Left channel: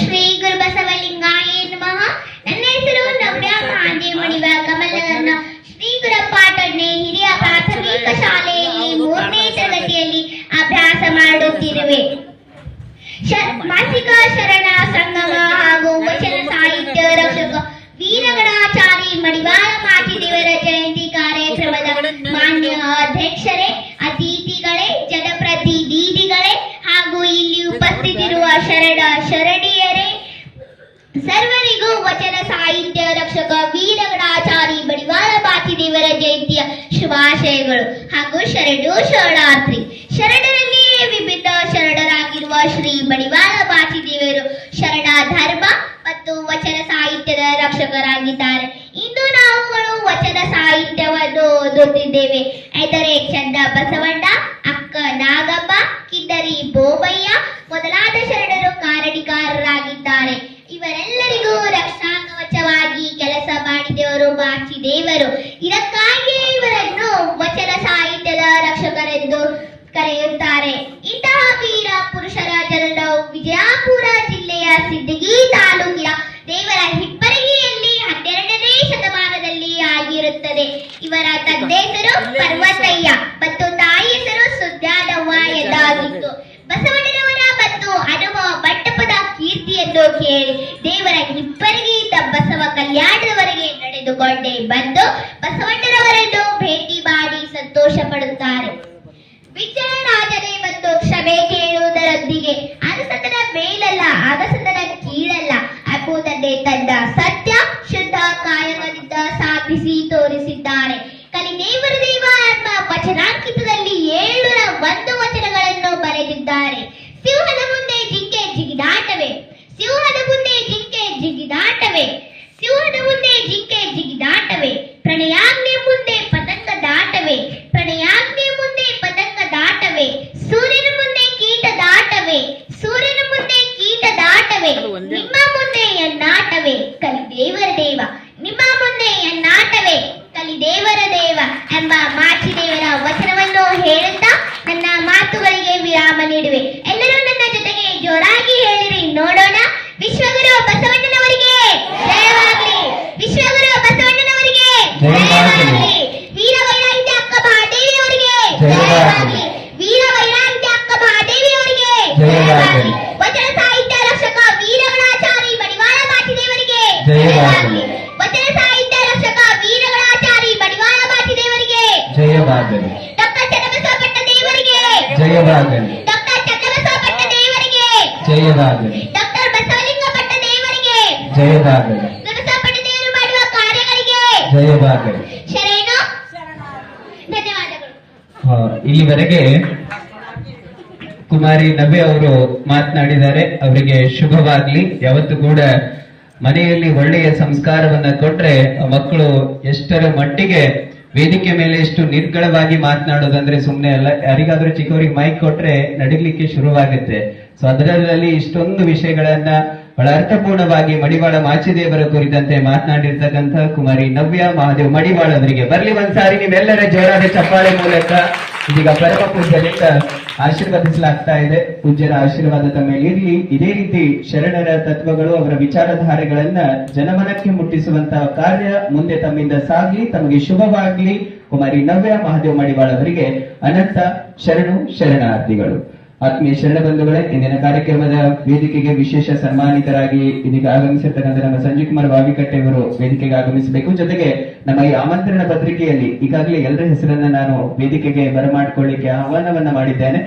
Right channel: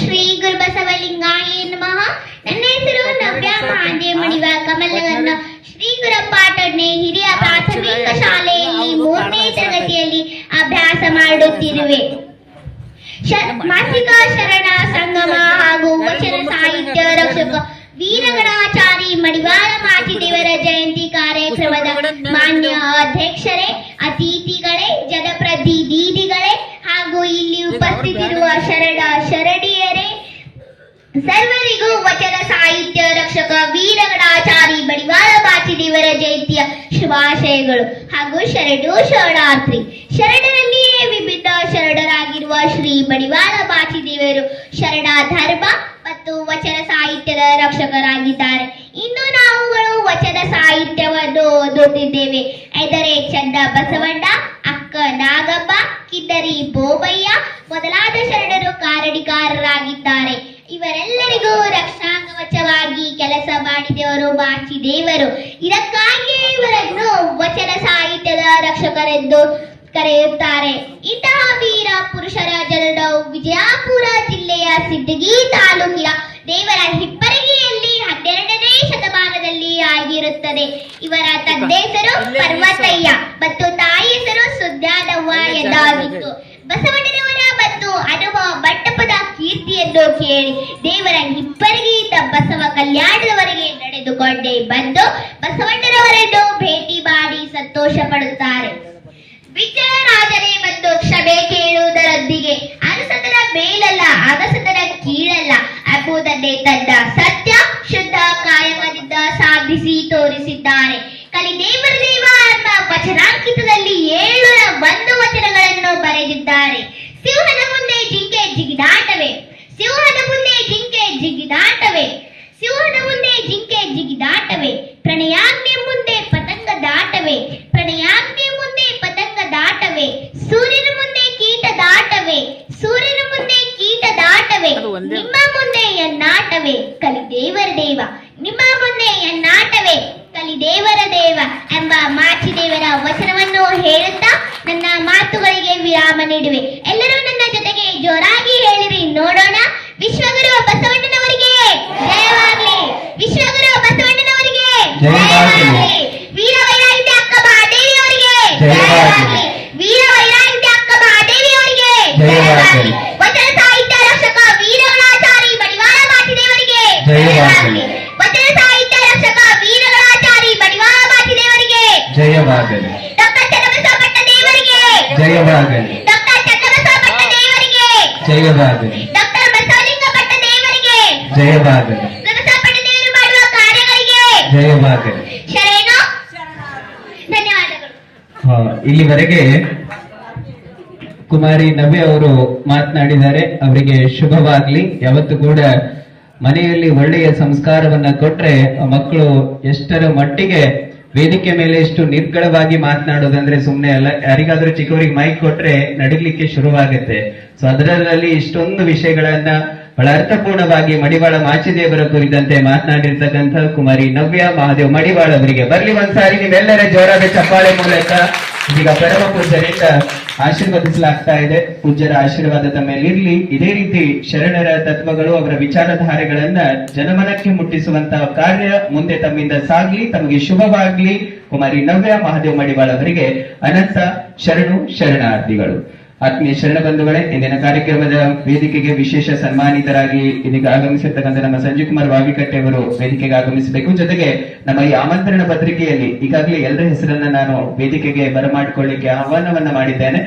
ಶ್ರೀ ಗುರು ಬಸವಲಿಂಗಾಯ ನಮಃ. ನನ್ನ ಹೆಸರು ನವ್ಯ ಮಹಾದೇವ ಮಡಿವ ಕಮಲಗನ್ನ. ಶ್ರೀ ಗುರು ಪಾಟಡ್ನೆ ಹಿರಿಯ ಪ್ರಾಥಮಿಕ ಶಾಲೆಯಲ್ಲಿ 3ನೇ ತರಗತಿಯಲ್ಲಿ ಅಭ್ಯಾಸ ಮಾಡುತ್ತಿರುವೆ. ಮಾಸಿಕ ಶರಣ ಸಂಗಮ ಹಾಗೂ ವಚನ ಸಾಹಿತ್ಯ ರಕ್ಷಕ ವೀರಗಣಾಚಾರಿ ಮಡಿವಾಳ ಮಾಚಿದೇವರ ಜಯಂತಿ ಕಾರ್ಯಕ್ರಮದ ಮಾನ್ಯ ಅಧ್ಯಕ್ಷರೇ, ಅತಿಥಿಗಳೇ, ಜನಪ್ರತಿನಿಧಿಗಳೇ ಹಾಗೂ ಇಲ್ಲಿ ಉಪಸ್ಥಿತಿರುವ ಶರಣ ಶರಣಿಯರೇ, ಸರ್ವರಿಗೂ ವಚನ ಸಾಹಿತ್ಯ ರಕ್ಷಕ ವೀರಗಣಾಚಾರಿ ಮಡಿವಾಳ ಮಾಚಿದೇವರ ಜಯಂತಿಯ ಶುಭಾಶಯಗಳು ಹಾಗೂ ಶರಣು ಶರಣಾರ್ಥಿ. ಶರಣರಲ್ಲಿಯೇ ವಿವಿಧ ಶರಣರಾಗಿರುವ ಶ್ರೀ ಮಡಿವಾಳ ಮಾಚಿದೇವರು ಶರಣ ಧರ್ಮ ಮತ್ತು ವಚನ ಸಾಹಿತ್ಯದ ರಕ್ಷಕರಾಗಿದ್ದಾರೆ. ಇಂದು ನಾವುಗಳು ವಚನ ಸಾಹಿತ್ಯವನ್ನು ಓದುತ್ತಿದ್ದೇವೆ. ಎಂದರೆ ಚಂದ ಬಸವಣ್ಣ, ಅಕ್ಕ ನಾಗಮ್ಮ, ಕಿದ್ದರಿ ಬೋಬಯ್ಯ ಮೊದಲಾದ ಶರಣರು ಕಾರಣಿಕಾರರಾಗಿದ್ದಾರೆ. ಇವರೆಲ್ಲರಿಗೂ ರಕ್ಷಾ ಕವಚವಾಗಿ ಕೆಲಸ ಮಾಡಿದವರು ಮಾಚಿದೇವರು. ಇದಕ್ಕಾಗಿಯೇ ಇವರನ್ನು ವಚನ ಸಾಹಿತ್ಯದ ರಕ್ಷಕರೆಂದು ಕರೆಯುತ್ತಾರೆ. ಇಂತಹ ವೀರ ಪುರುಷರ ಜನನವು ವಿಜಯಪುರ ಜಿಲ್ಲೆಯ ಸಿಂದಗಿ ತಾಲೂಕಿನ ದೇವರ ಹಿಪ್ಪರಗಿಯಲ್ಲಿ 12ನೇ ಶತಮಾನದಲ್ಲಿ ಆಗಿರುತ್ತದೆ. ಇವರ ತಂದೆ ಹೆಸರು ಪರ್ವತಯ್ಯ ಮತ್ತು ತಾಯಿ ಹೆಸರು ಸುದ್ಯಾನವ್ವ ಎಂದಾಗಿತ್ತು. ಬಸವಣ್ಣನವರ ಮತ್ತು ಹನುಮ ಮಂಟಪದ ಕೀರ್ತಿಯನ್ನು ಕೇಳಿ ದೇವರ ಹಿಪ್ಪರಗಿಯಿಂದ ಬಸವ ಕಲ್ಯಾಣದವರೆಗೆ ನಡೆದುಕೊಂಡೇ ಬಂದು ಬಸವಣ್ಣನವರನ್ನು ಭೇಟಿ ಮಾಡಿ ಸಂತೋಷ ಪಡುತ್ತಾರೆ. ವಿಜ್ಞಾನರಾಜನೇ ಮತ್ತು ಕ್ಷಮೆ ಕೇಳುವುದರೊಂದಿಗೆ ಅರಸತನ ಮೇಲಲ್ಲ, ಅಗಸತನ ಕೀಳಲ್ಲ ಎಂಬುದನ್ನೇ ತನ್ನ ಸತ್ಯ ಶುದ್ಧ ಕಾಯಕದಿಂದ ಸಾಧಿಸಿ ತೋರಿಸಿದ್ದಾರೆ. ಕಲಿದೇವರ ದೇವ ಎಂಬ ವಚನಾಂಕಿತದಲ್ಲಿ 701 ವಚನಗಳನ್ನು ಬರೆದಿದ್ದಾರೆ. ಸಿಂಹದ ಮುಂದೆ ಜಿಂಕೆ ಜಿಗಿದಾಟವೇ, ಸಿಂಹದ ಮುಂದೆ ಜಿಂಕೆ ಜಿಗಿದಾಟವೇ, ಸಿಂಹದ ಮುಂದೆ ಜಿಂಕೆ ಜಿಗಿದಾಟವೇ, ಪ್ರಣಯಾಗ್ನಿ ಮುಂದೆ ಪತಂಗ ದಾಟವೇ, ಪ್ರಣಯಾಗ್ನಿ ಮುಂದೆ ಪತಂಗ ದಾಟವೇ, ಸೂರ್ಯನ ಮುಂದೆ ಕೀಟ ದಾಟವೇ, ಸೂರ್ಯನ ಮುಂದೆ ಕೀಟ ದಾಟವೇ, ನಿಮ್ಮ ಮುಂದೆ ಎನ್ನಾಟವೇ ಕಲಿದೇವರ ದೇವ, ನಿಮ್ಮ ಮುಂದೆ ಎನ್ನಾಟವೇ ಕಲಿದೇವರ ದೇವ ಎಂಬ ಮಾಚಿದೇವರ ವಚನವನ್ನು ಹೇಳುತ್ತಾ ನನ್ನ ಮಾತುಗಳಿಗೆ ವಿರಾಮ ನೀಡುವೆ. ಎಲ್ಲರೂ ನನ್ನ ಜೊತೆಗೆ ಜೋರಾಗಿ ಹೇಳಿರಿ ನೋಡೋಣ. ವಿಶ್ವಗುರು ಬಸವಣ್ಣನವರಿಗೆ ಜಯವಾಗಲಿ, ವಿಶ್ವಗುರು ಬಸವಣ್ಣನವರಿಗೆ ಜಯವಾಗಲಿ, ವೀರ ವೈರಾಗ್ಯ ಅಕ್ಕ ಮಹಾದೇವಿ ಅವರಿಗೆ ಜಯವಾಗಲಿ, ವೀರ ವೈರಾಗ್ಯ ಅಕ್ಕ ಮಹಾದೇವಿ ಅವರಿಗೆ ಜಯವಾಗಲಿ, ವಚನ ಸಾಹಿತ್ಯ ರಕ್ಷಕ ವೀರಗಣಾಚಾರಿ ಮಡಿವಾಳ ಮಾಚಿದೇವರಿಗೆ ಜಯವಾಗಲಿ, ವಚನ ಸಾಹಿತ್ಯ ರಕ್ಷಕ ವೀರಗಣಾಚಾರಿ ಮಡಿವಾಳ ಮಾಚಿದೇವರಿಗೆ ಜಯವಾಗಲಿ, ಡಾಕ್ಟರ್ ಚನ್ನಬಸವಪಟ್ಟ ದೇವರಿಗೆ ಜಯವಾಗಲಿ, ಡಾಕ್ಟರ್ ಚನ್ನಬಸವಪಟ್ಟ ದೇವರಿಗೆ ಜಯವಾಗಲಿ, ಡಾಕ್ಟರ್ ಬಸವಲಿಂಗಪಟ್ಟ ದೇವರಿಗೆ ಜಯವಾಗಲಿ, ಬಸವಪಟ್ಟ ದೇವರು ಮಾಡುವ ಕಾರ್ಯಗಳಿಗೆ ಜಯವಾಗಲಿ. ಶರಣು ಧನ್ಯವಾದಗಳು. ಇಲ್ಲಿವರೆಗೆ ಕುಮಾರಿ ನವ್ಯ ಅವರು ಮಾತನಾಡಿದ್ದಾರೆ. ಅವರಿಗೆ ಶುಭವಾಗ್ಲಿ. ಯಾವತ್ತು ಕೂಡ ಮನೆಯಲ್ಲಿ ಒಳ್ಳೆಯ ಸಂಸ್ಕಾರವನ್ನ ಕೊಟ್ರೆ ಮಕ್ಕಳು ಎಷ್ಟರ ಮಟ್ಟಿಗೆ ವೇದಿಕೆ ಮೇಲೆ ಎಷ್ಟು ನಿರ್ಗಳವಾಗಿ ಮಾತನಾಡೋದಂದ್ರೆ ಸುಮ್ಮನೆ ಅಲ್ಲ. ಯಾರಿಗಾದ್ರೂ ಚಿಕ್ಕವರಿಗೆ ಮೈಕ್ ಕೊಟ್ರೆ ನಡೀಲಿಕ್ಕೆ ಶುರುವಾಗುತ್ತೆ. ಸೊ ಅದರಲ್ಲಿ ಇಷ್ಟೊಂದು ವಿಷಯಗಳನ್ನ ಬಹಳ ಅರ್ಥಪೂರ್ಣವಾಗಿ ಮಡಿವಾಳ ಮಾಚಿದೇವರ ಕುರಿತಂತೆ ಮಾತನಾಡಿರ್ತಕ್ಕಂಥ ಕುಮಾರಿ ನವ್ಯ ಮಹಾದೇವ್ ಮಡಿವಾಳ ಅವರಿಗೆ ಬರ್ಲಿ ಒಂದ್ಸಾರಿ ನಿಮ್ಮೆಲ್ಲರ ಜೋರಾದ ಚಪ್ಪಾಳೆ ಮೂಲಕ ಇದೀಗ ಪರಮ ಪೂಜ್ಯರಿಂದ ಆಶೀರ್ವದಿಸಲಾಗ್ತಾ ಇದೆ. ಪೂಜ್ಯರ ಆಶೀರ್ವಾದ ತಮ್ಮೇಲಿರ್ಲಿ. ಇದೇ ರೀತಿ ಶರಣರ ತತ್ವಗಳು, ಅವರ ವಿಚಾರಧಾರೆಗಳನ್ನ ಜನಮನಕ್ಕೆ ಮುಟ್ಟಿಸುವಂತಹ ಕಾರ್ಯ ಮುಂದೆ ತಮ್ಮಿಂದ ಸಾಗ್ಲಿ. ತಮಗೆ ಶುಭವಾಗ್ಲಿ. ಕುಮಾರಿ ನವ್ಯ ಮಹಾದೇವ್ ಮಡಿವಾಳ ಅವರಿಗೆ ಅನಂತ ಶರಣು ಶರಣಾರ್ಥಿಗಳು. ಆತ್ಮೀಯ ಶರಣ ಬಂಧುಗಳೇ, ಇಂದಿನ ಕಾರ್ಯಕ್ರಮದ ವೇದಿಕೆಗೆ ವಿಶೇಷ ಸನ್ಮಾನಿತರಾಗಿ ಇದೀಗ ಆಗಮಿಸಿರ್ತಕ್ಕಂಥ ನಮ್ಮ ಸಂಜೀವ್ ಕುಮಾರ್ ವಾವಿಕಟ್ಟೆ ಅವರು ವೇದಿಕೆಗೆ ಆಗಮಿಸಬೇಕು. ಜೊತೆಗೆ ನಮ್ಮ ಈ ಆಮಂತ್ರಣ ಪತ್ರಿಕೆಯಲ್ಲಿ ಈಗಾಗಲೇ ಎಲ್ಲರ ಹೆಸರನ್ನ ನಾನು ವೇದಿಕೆಗೆ ಬರಮಾಡಿಕೊಳ್ಳಿಕ್ಕೆ ಆಹ್ವಾನವನ್ನ ಮಾಡಿದ್ದೇನೆ.